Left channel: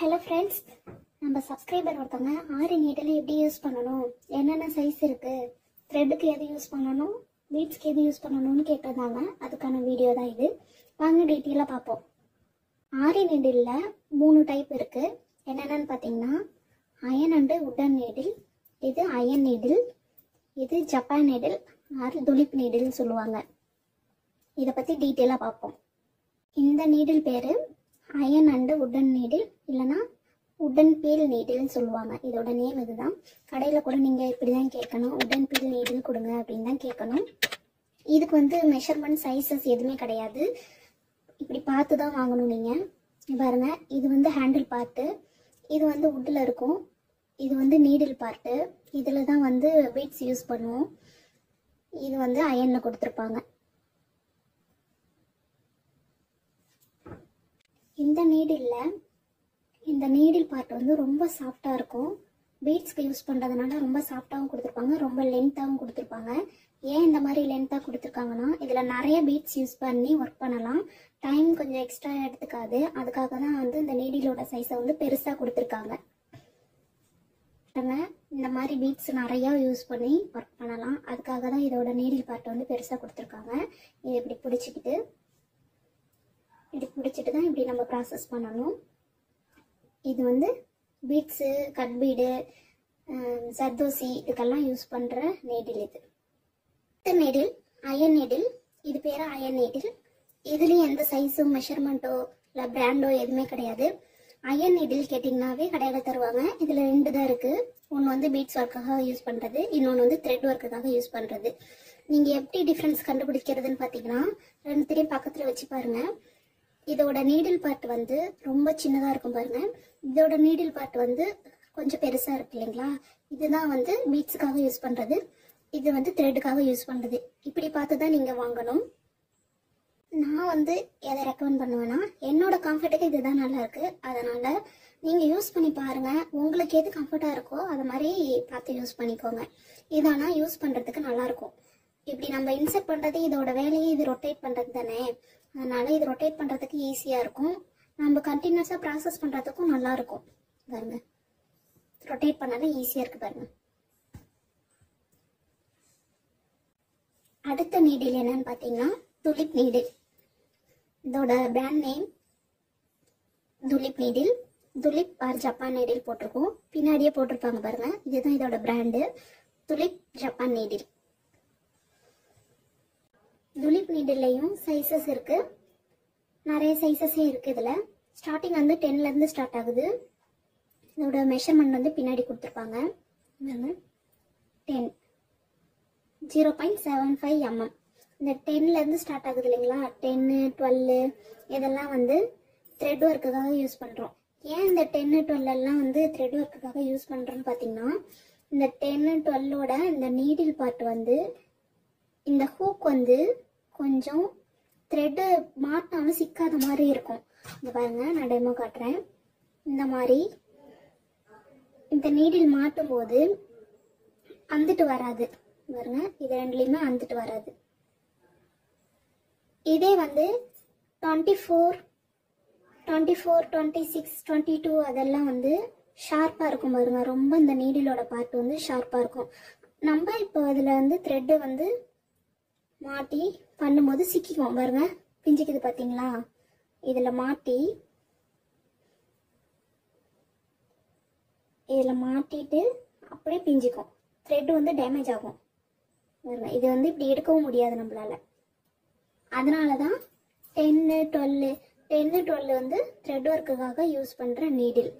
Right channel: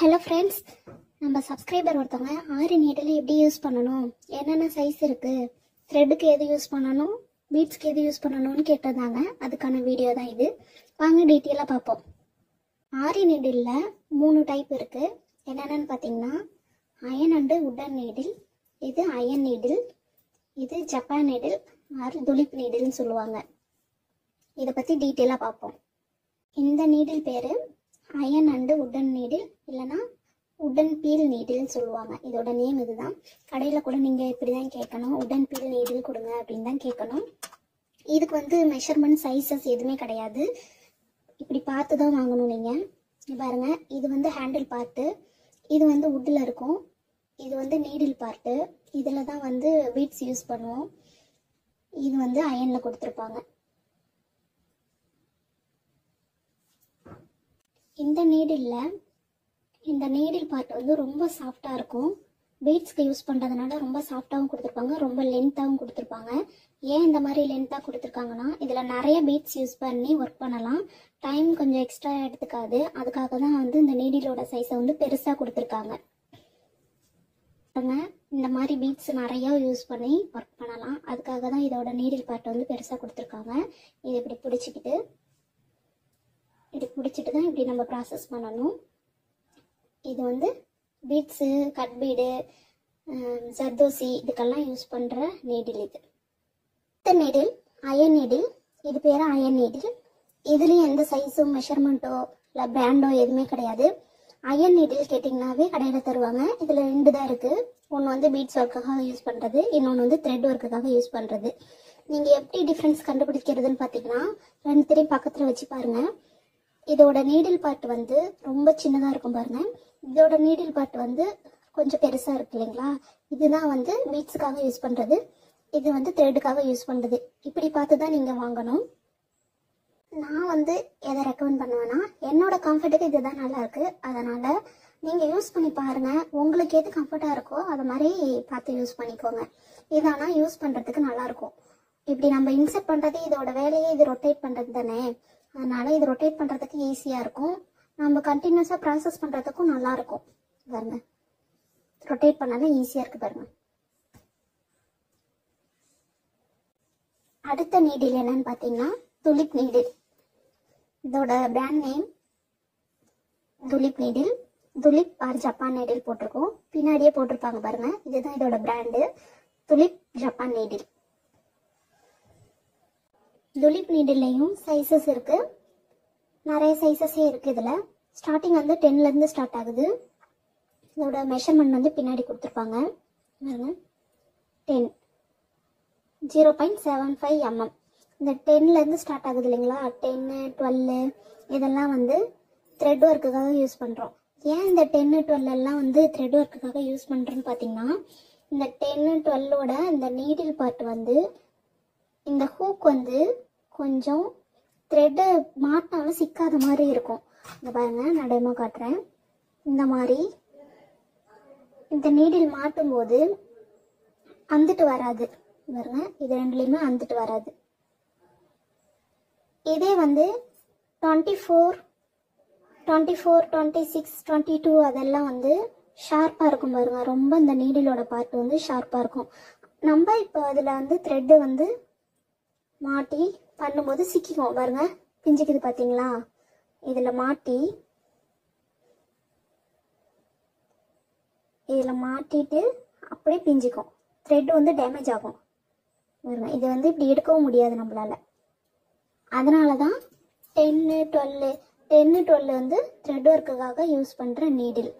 Hello friends, நம்ம subscriber ஒருத்தவங்க ஆரி needle எப்படி யூஸ் பண்ணணும், என்னென்ன சைஸ் இருக்குது, த்ரெட்டுக்கு எது யூஸ் பண்ணணும், பீட்ஸ்க்கு எது யூஸ் பண்ணணும்னு கேட்டிருந்தாங்க. அதுக்கான வீடியோ தான் இது. வாங்க டீட்டெயிலாக பார்ப்போம். ஆரி நீடிலில் 3 டைப் இருக்குது. என்னென்னு பார்த்தீங்கன்னா அயன் அண்டு உட்டன் நீடில், இது அயன் நீடில், இது ஜப்பான் நீடில் ஆர் துலிப் நீடில்னு சொல்லுவாங்க. இதை பற்றி டீட்டெயிலாக பார்ப்போம். இந்த நீடில் பேர் அயன் அண்டு உட்டன் நீடில், இல்லைனா உட்டன் பீல் நீடில்னு சொல்லுவாங்க. இதோட நேம் இதுதான். கடையில் கூட நீங்கள் இப்படி தான் கேட்கணும், உட்டன் பீல் நீடில் கொடுங்க அப்படின்னு தான் கேட்கணும். இதுக்கு மெஷர்மெண்ட் சைஸஸ் எதுவுமே கிடையாது. இப்படி பார்த்து தான் வாங்கணும் நீங்கள். பாருங்க, இது ஹேண்டில் பார்ட்டு, இது உட்டில் இருக்கும், இது நீடில் பார்ட்டு. இதில் தான் பீட்ஸ் யூஸ் பண்ணுவோம். இது அயனில் கொடுத்துருப்பாங்க. இந்த நீடில் பார்ட் ரொம்ப சாஃப்டாக இருக்கும். பீட்ஸ்க்கு யூஸ் பண்ணுறதுனால ரொம்ப சாஃப்டாகவும் கொடுத்துருப்பாங்க, ரொம்ப லென்த்தாகவும் கொடுத்துருப்பாங்க. ஏன் இந்த மாதிரி லென்த்தாக கொடுத்துருக்காங்கன்னா, இதில் நிறைய பீட்ஸ் யூஸ் பண்ணி ஒர்க் பண்ணலாம், டைம் கொஞ்சம் எக்ஸ்ட்ரா எடுத்துக்காது. அதுக்காக தான் இந்த நீடிலோட சைஸை பெருசாக கொடுத்துருக்காங்க. இந்த மாதிரி பீட்ஸ் நிறையா யூஸ் பண்ணி ஒர்க் பண்ணலாம். அதுக்காக தான் இதோட நீடில் பார்ட் பெருசாக கொடுத்துருக்காங்க. இது இப்படி பிடிச்சிக்கிட்டு தான் இப்படி நம்ம ப்ராசஸ் பண்ணணும். இது பீட்ஸு, கட் பீடு, ஜர்தோசி இதுக்கெல்லாம் யூஸ் பண்ணுற நீடில் இது. இந்த நீடில் அயன் நீடில், இது பேர் அயன் நீடில். இதுலேயும் எந்த சைஸும் மெஷர்மெண்ட்டோ இல்லை பிராண்டோ எதுவுமே கிடையாது. அயன் நீடில் கேட்டிங்கனாவே கடையில் தருவாங்க. இதில் 2 தான் இருக்குது. ஒன்று பீட்ஸ் ஒர்க்குக்காக யூஸ் பண்ணுறது, இன்னொன்று த்ரெட் ஒர்க்குக்காக யூஸ் பண்ணுறது. நீங்கள் எப்படி டிஃப்ரென்ஸ் கண்டுபிடிக்கிறதுன்னு பார்த்தீங்கன்னா, 2 பக்கத்தில் வச்சு பாருங்கள். இதோட நீடில் பார்ட் ரொம்ப சின்னதாக இருக்கும் பாருங்க. இதோட நீடில் பார்ட் கொஞ்சம் பெருசாக இருக்கு இல்லைங்களா. இதுதான் பீட்ஸுக்காக யூஸ் பண்ணுறது, இது த்ரெட்டுக்காக யூஸ் பண்ணுறது. இப்படி பார்த்து தான் நீங்கள் வாங்கணும். நான் எதை ரெக்கமெண்ட் பண்ணுவேன்னா, என்னோட கம்ஃபர்ட்டுக்கு இதுதான் நல்லா இருக்கு. அதனால நீங்கள் யூஸ் பண்ணி பாருங்க. உங்களுக்கு எது கம்ஃபர்ட்டாக இருக்கோ அதை மாதிரி பார்த்து யூஸ் பண்ணிக்கோங்க. இதானா யூஸ் பண்ணுறதுக்கு நல்லா இருக்கும். இப்படி நம்ம இன்செர்ட் பண்ணுறது இதோட வேலையே, இது ரொட்டேட் பண்ணுறது தானே. அதனால இது ரொட்டேட் பண்ணுறதுக்கு ஈஸியாக இருக்கும். நம்ம கண்டினியூஸாக ப்ராசஸ் பண்ணுறதுக்கும் நல்லா இருக்கும். பாருங்க, ரொட்டேட் பண்ணாலும் ஈஸியாக இருக்குது பாருங்க. அடுத்த நீடில் என்னன்னு பார்த்தீங்கன்னா துலிப் நீடில். இதோட brand name Tulip needle. Tulip or Japan needle போட்டிருக்கோம், பின்னாடியே போட்டிருப்பாங்க பாருங்க. இதுதான் இதோட brand, Tulip Japan needle. Tulip நீடில்லையும் சைஸஸ் இருக்கு, நிறைய சைஸஸே இருக்கு. இதில் ஸ்டார்டிங் 10லேருந்து ஸ்டார்ட் ஆகுது. இதோட மெஷர்மெண்ட் பின்னாடி கொடுத்துருப்பாங்க. 10 0.75 mm. இந்த 10லேருந்து ஸ்டார்ட் ஆகுது இல்லைங்களா. 10, 12 இதெல்லாம் த்ரெட் ஒர்க்குக்காக யூஸ் பண்ணுறோம். ஏன் இந்த 10, 12 எல்லாம் த்ரெட் ஒர்க்குக்காக யூஸ் பண்ணுறோன்னு பார்த்தீங்கன்னா, இந்த 10, 12ஓட இந்த நீடில் பார்ட் இந்த ஹூக் கொஞ்சம் த்ரெட்டு மாட்டினாலும் சிக்காத மாதிரி இருக்கும். இந்த பாருங்க, நான் டெமோ காட்டுறேன். இந்த மாதிரி இந்த நீடில் மாட்டும் போது அந்துட்டு வராது பாருங்க. இது 2லையுமே அந்துட்டு வராது. இதே 24, 26, 22 அதெல்லாம் ஷார்ப்பாக இருக்கும் பாருங்க. ரொம்ப இந்த நீடிலோட பார்ட் ஷார்ப்பாக இருக்கும். நம்ம இப்போ இதில் த்ரெட்டு மாட்டி பண்ணும்போது சிக்கிக்கும் பாருங்க, பிஞ்சிக்குது பார்த்தீங்களா. இதில் மாட்டிட்டு அப்படியே பிஞ்சிக்கும். த்ரெட்டு டேமேஜ் ஆகும் பாருங்க. இது இப்படி எடுக்கவும் முடியாது நம்மளால. அதனால தான் 10, 12 த்ரெட் ஒர்க்குக்காக யூஸ் பண்ணுற நீடில்.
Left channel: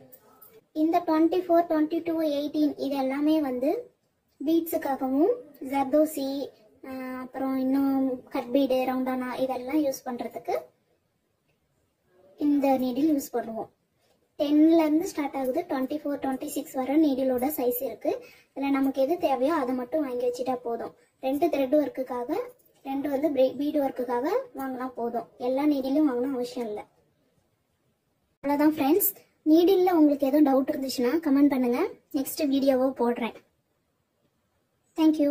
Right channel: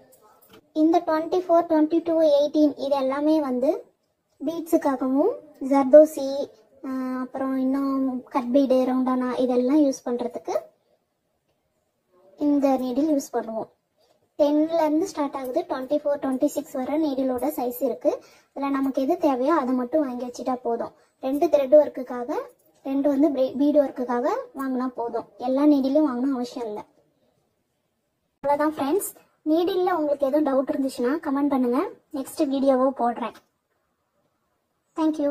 இந்த 24, 22, 18 இது எல்லாமே பீட்ஸுக்காகவும், ஜர்தோசி, அப்புறம் இன்னும் கட்பீடு, ரவுண்டானா இதெல்லாம் யூஸ் பண்ணுறதுக்கு இந்த நீடில் யூஸ் பண்ணுவோம். 10லேருந்து ஸ்டார்ட் ஆகுது, 24, 26 வர நீடிலோட சைஸ் இருக்குது. இதில் நமக்கு எது தேவையோ அதை மட்டும் வாங்கி வச்சுட்டா போதும். 2 த்ரெட் ஒர்க்குக்காக, 2 பீடு ஒர்க்குக்காக வாங்கினா போதும். எல்லா நீடிலும் வாங்கணும் அவசியம் இல்லை. அவ்வளோதான் ஃப்ரெண்ட்ஸ். நீடிலில் உங்களுக்கு எதுவும் டவுட் இருந்துச்சுன்னா கமெண்ட் பண்ணுங்கள், நெக்ஸ்ட் வீடியோவாக போடுறேன். தேங்க்யூ.